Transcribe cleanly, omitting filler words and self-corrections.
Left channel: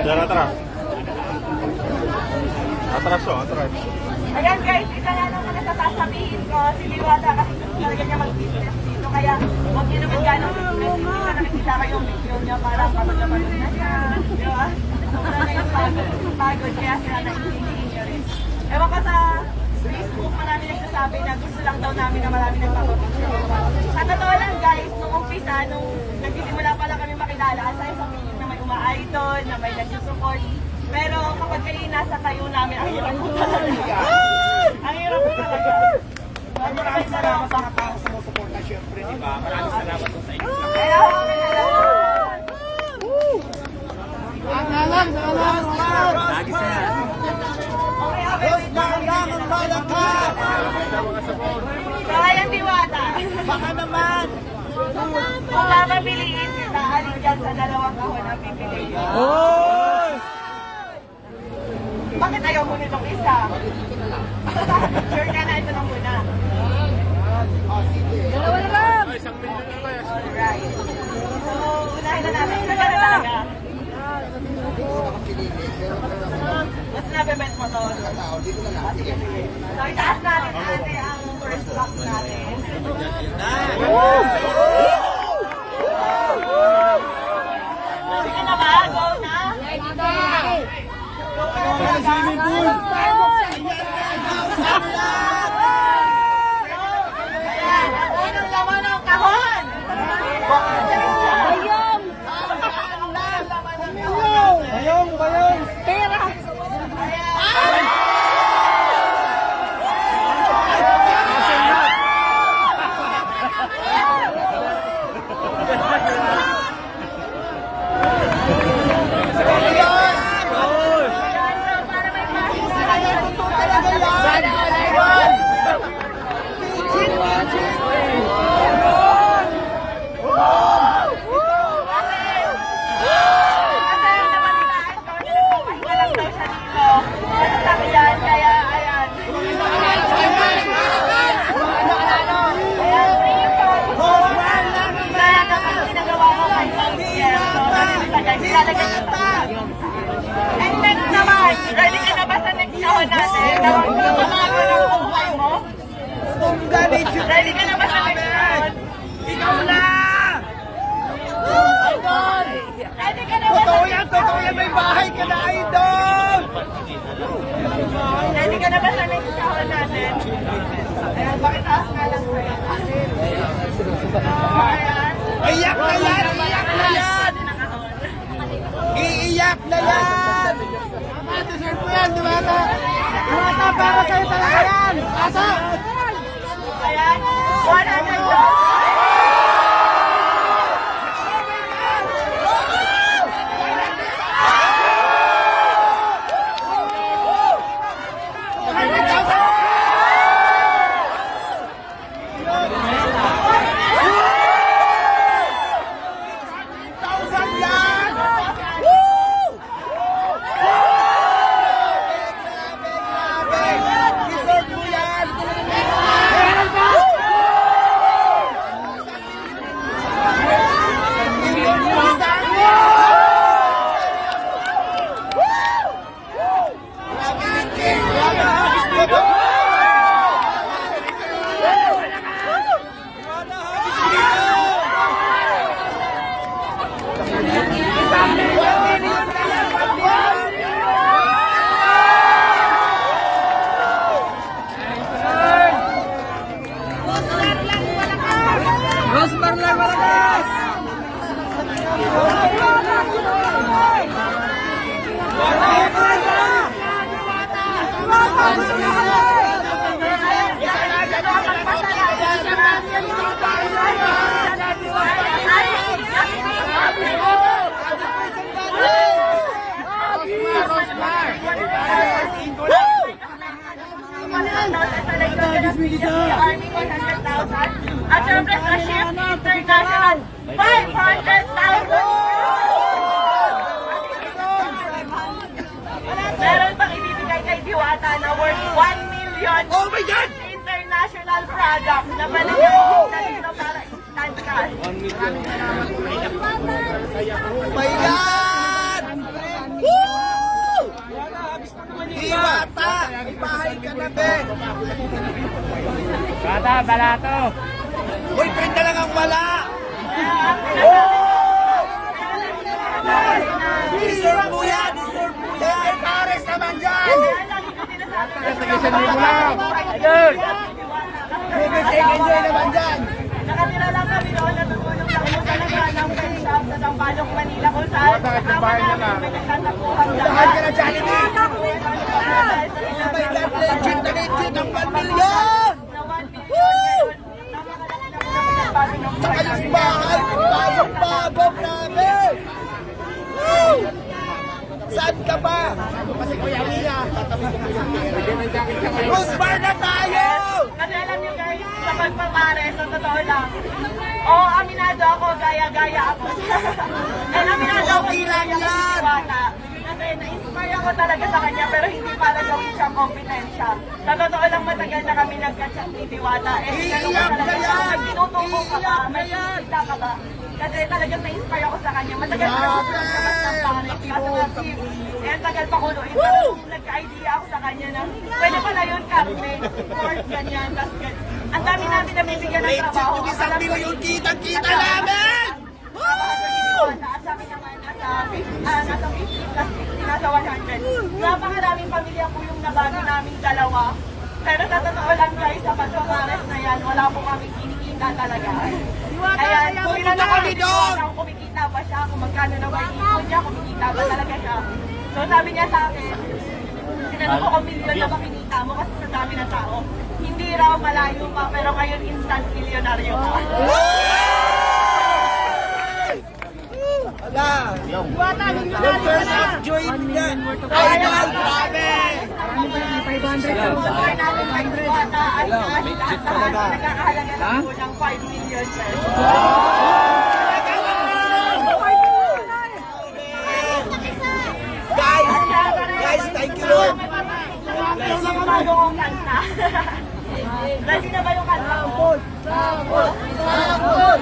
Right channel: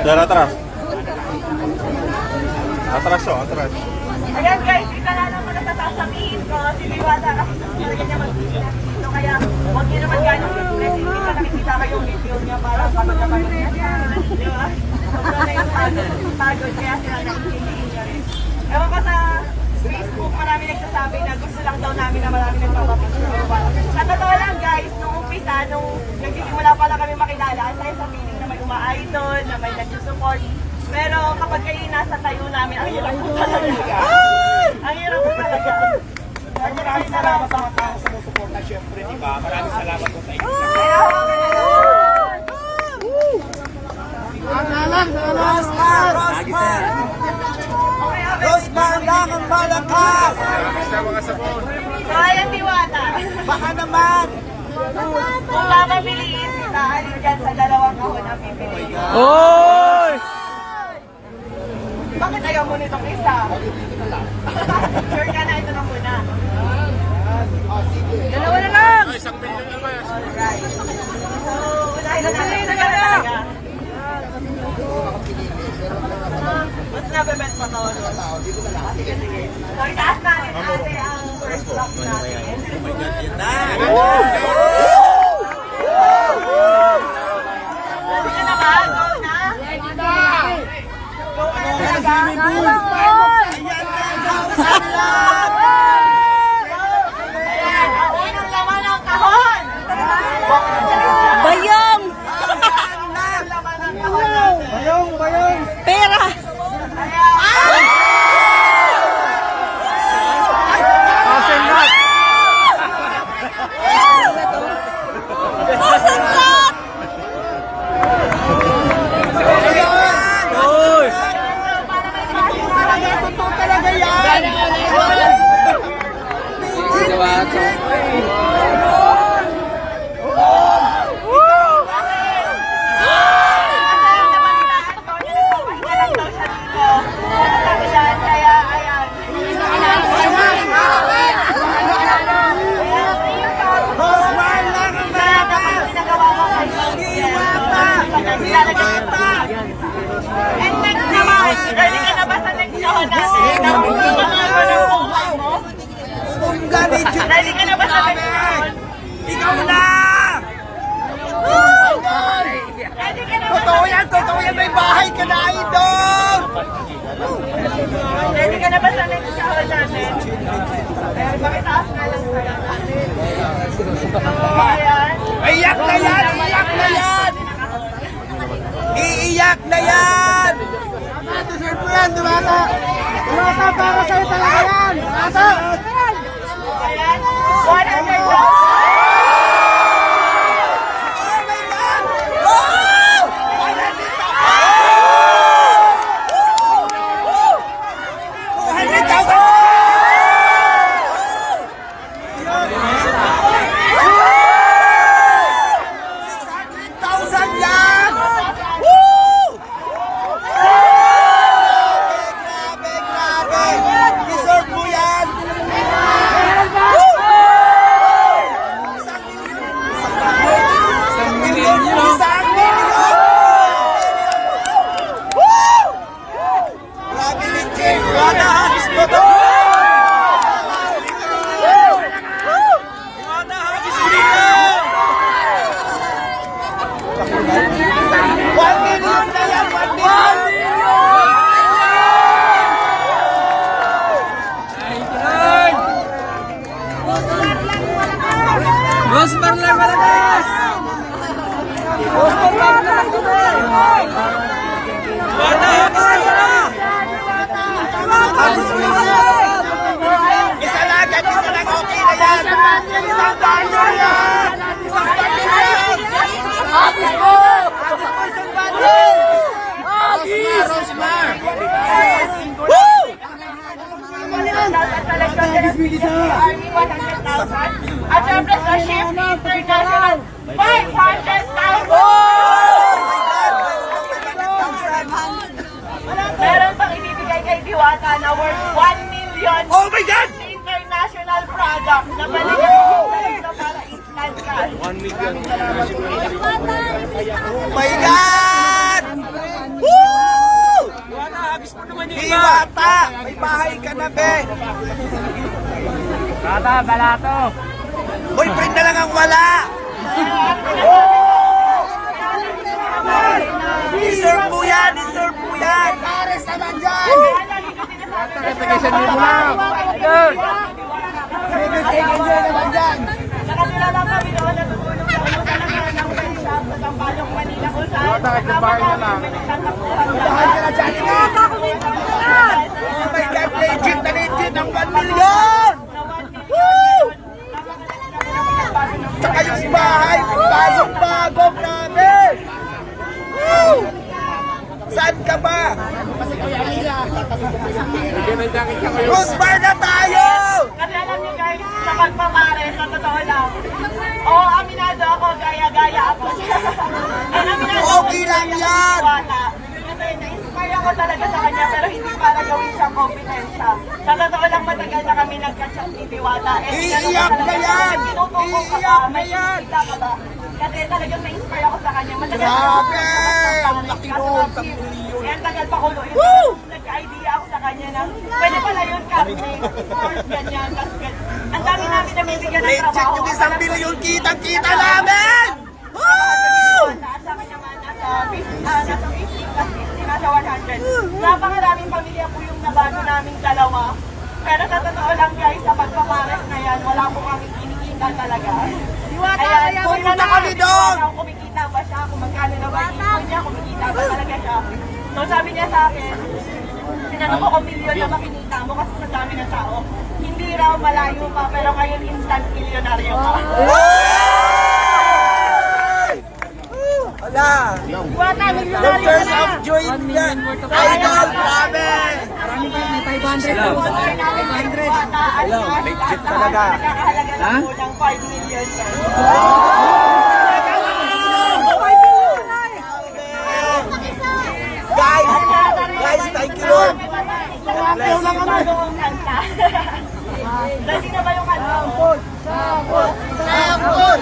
Dara, atras. Atras o, atras. Ayan guys, isa na lang muna sa sasabihin ko, si Diwata kasi talaga niya mag-business dito. Kaya huwag niyo naman gano'ng business. Hindi ka nakikita kayong video niya para kapag-kapag niya siya. Di ba? Sobra na yung pagod. Kaya sila nag-hindi niya rin. Ewan ka sa Facebook, marami nagsasabi na gusto lang daw namin na marami nagpapapicture. Sa totoo lang guys, nung umpisa, nung nagsisimula pa lang kami makilala, aside sa feeling na may uma-idol, na may nagsusupport. Pero kapag kayo nasa tayo namin, ang hirap po talaga. Ang hirap po talaga. Maraming salamat sa mga tao sumusuporta, syempre, di ba? Maraming salamat po sa inyo. Kaya huwag na lang. Rosman lang ang malakas! Kaya Diwata. Baka naman! Kung papabiliin kita, alin dyan sa dalawang kahon ang pipiliin. Oy! Bakit ayaw mo nitong isa? Sure ka na, ito na muna. Dalawa na lang! Isang million na ba? Alright. Unahin na natin. Ito na talaga. Mas nabibent mo to? Sige, sige. So, itaas natin ate ang first block natin. Ready ka na ba? Go na? Ready na! Go ka na talaga? Ayan, ang unang laman ng kahon! Bayong! Laman ng kahon natin. Bayong! Pera! Ayan. And next naman, ready ka na ba sa next show natin? Ready ka na ba sa next show? Ikaw na! Ready ka na ba sa Totoo next yan! Totoo yan! May bahay ka na, idol! Ready ka na ba sa next show natin? Ayan, pakitaas na lang kaya natin. Ayan. Iyak na yan! Iyak na yan! Iiyak na yan! Deserve mo yan, Dumata! Dumata, para sa'yo talaga yan! Asa? Ayan. 100 Rosmar lang malakas! At syempre sa Shift International, 500,000! Meron pang ibibigay kay Diwata na worth 1 million Oh my God! international product na balik na para instant cash. 1 million. Oh my God! Diwata, balato. Boyfriend na lang ang wala. Deserve mo yan, deserve mo yan. Pares naman dyan. Nagkasalibo lang. Idol. Enjoy naman dyan. Nakatira lang kami doon, natutulog lang yung talaga ng face shop sa Tampalong, Manila kung saan. Bakit yung bahay niya na? Tahan ka na dyan, ini. Oh my God, legit na legit ang 1 million. Tsaka yung bahay, bagong-bago, grabe. Woo! Saan ka ba? Bruce Bar na tayo! Kasi alam niyo guys, sa pagpapare, sa totoo lang. Oo, aminado ako, gaya-gaya ako. And aminado ako, Okay lang yan. Diwata. Kasi na-inspire ako talaga sa kanya, pero hindi para gawin siya kompetensya. Sa totoo lang, matagal na kami nagka-chat ni Diwata. And Iiyak na yan! Tinutuko ka ba? Iiyak na May yan! kita ka ba? Kasi talagang na-inspire ako sa kanya. Matagal na Grabe! kami Laki kaso mo, kasi, eh, tagal pa ko doon. Woo! Nagka-idea ako sa kanya na, pwede pala yun, Captain. Sports, ganyan. Tapos, ang dami namin na may bigyan ng Legit trabaho. yung 1 million kitang-kita namin! Woo! Sa amin naman, nasa 50 plus 50, nasa 100. Napakaraming pamilya po yung nabago naming dalawa. Pero sa totoo lang guys, sa pagpapares na yan, wala po kaming kinikita talaga. Kaya pumunta kami doon! Kung kumikita ba siya, kung magkano na ba yung niya, kumikita ba talaga siya. So sabi niya sa akin, tinanong ko kung milyon na makinita mo kasi sa dami ng tao. Hindi raw malayo pa, pero ngayon instant milyonaryo ka. Wala! Diwata, The milyonaryo ka first na! of joy niya! Idol, grabe! Legit talaga. Nakakahalaga lang po ng 5 million yan. Guys, thank you Lord! Dali na ba yung kanta? Sapol! Sapol!